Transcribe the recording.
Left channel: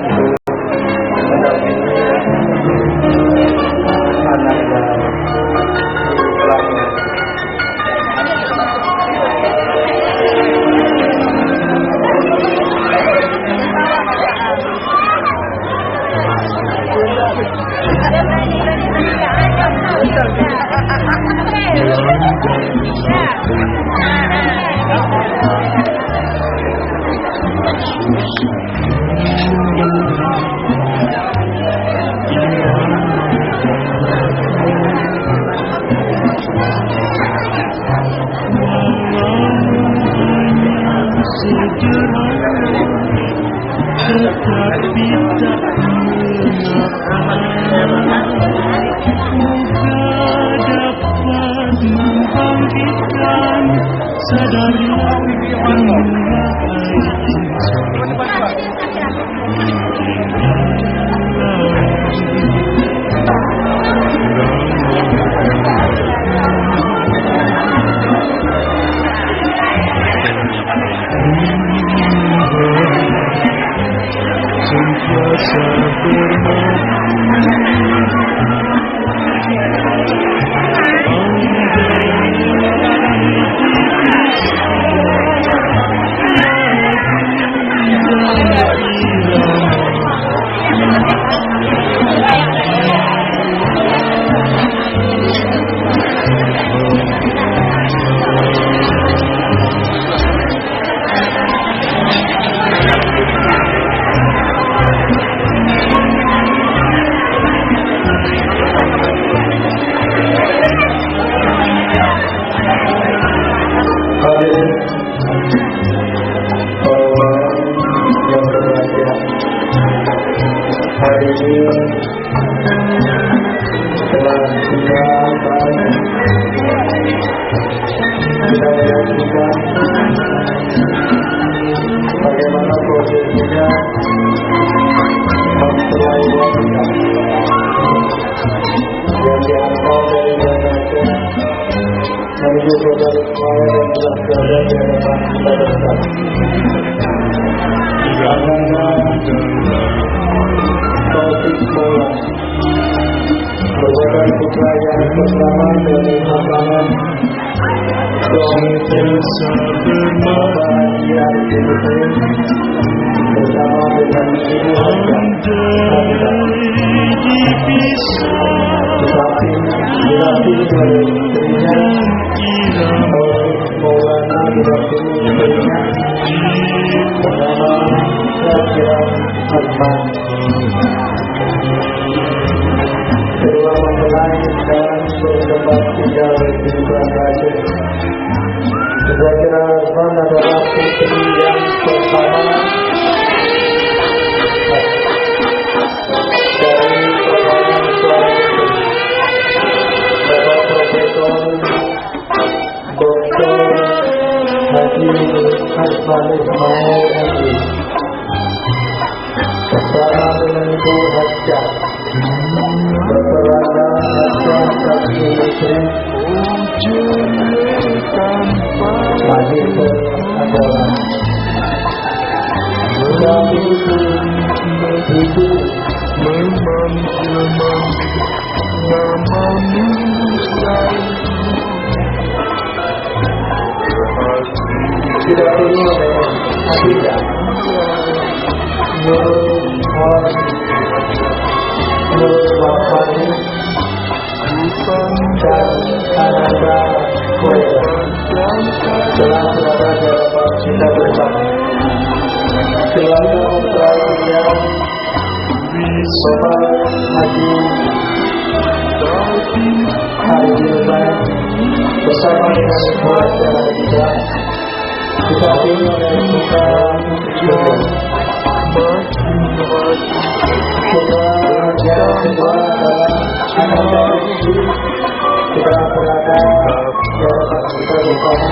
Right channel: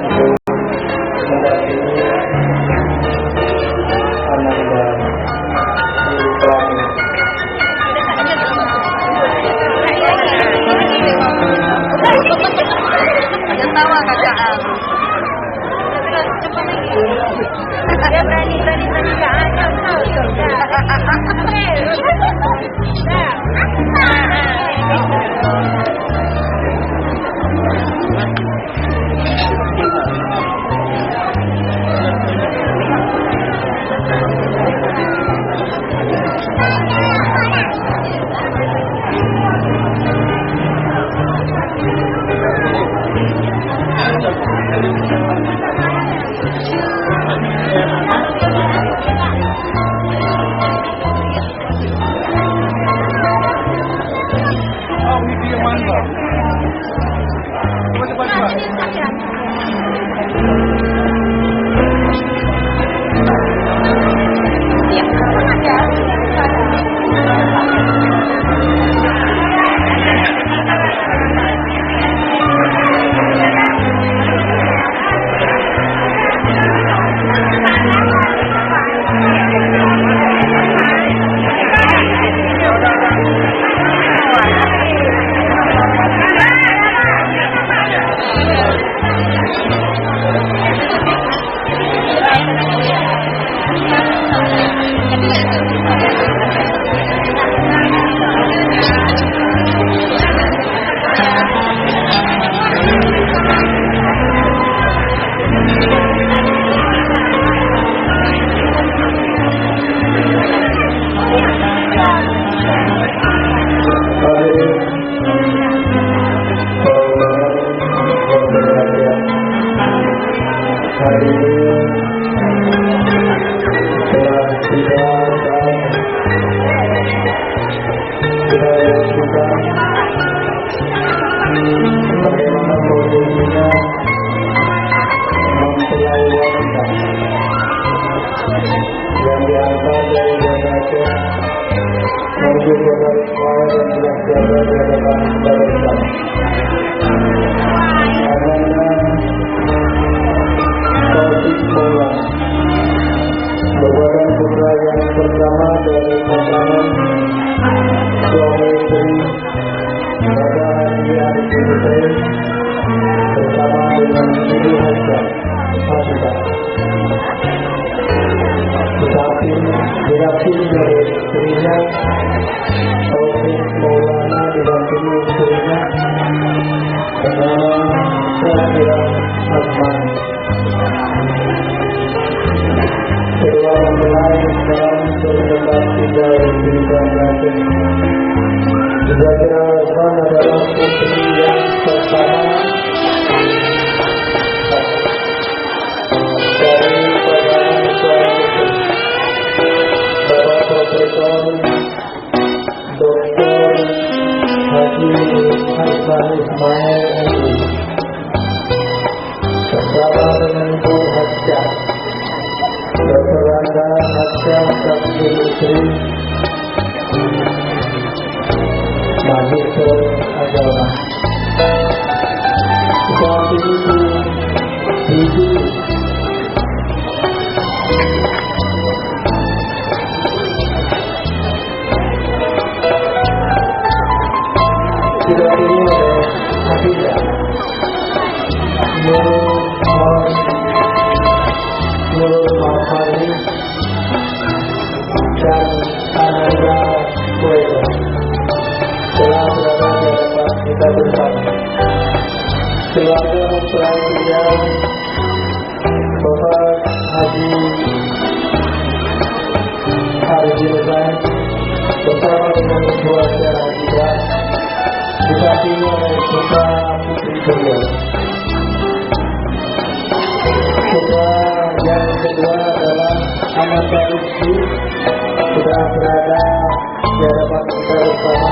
untuk mendampingi anak dan guru kelasnya. Dia berani Hari ini telah tiba saatnya kita menyaksikan bagaimana posisinya mempelai wanita yang diantar dari Indonesia menuju ke Balikpapan dan telah berada di hadapan kita bersama. Karena Taufik Maulana merupakan putra yang pertama dari pasangan suami istri Bapak Haji Arifin Hussein bersama dengan Ibu Hajjah Hafizah. Tetapi didampingi oleh istrinya Taufik Maulana, didampingi istrinya bersama Syakira Azman. Kedua mempelai sekarang bertempat tinggal di Bangladesh. Syakira Azman adalah putri yang pertama dari pasangan suami istri Bapak Profesor Dr. Haji Azman Ismail MI bersama dengan Ibu Hajjah Dr. Randa Hajjah Sakti Istri Magister Agama. Suami ibu didampingi oleh Hafizah Nur Mahfali dan Ananda Kuwait telah berada di hadapan kita bersama. Keluarga mempelai pria Bapak Haji Arifin Hussein bersama dengan Ibu Hajjah Hafizah didampingi oleh putra putri beliau. Putra yang kedua adalah Ananda Rizky sudah berada di hadapan kita bersama.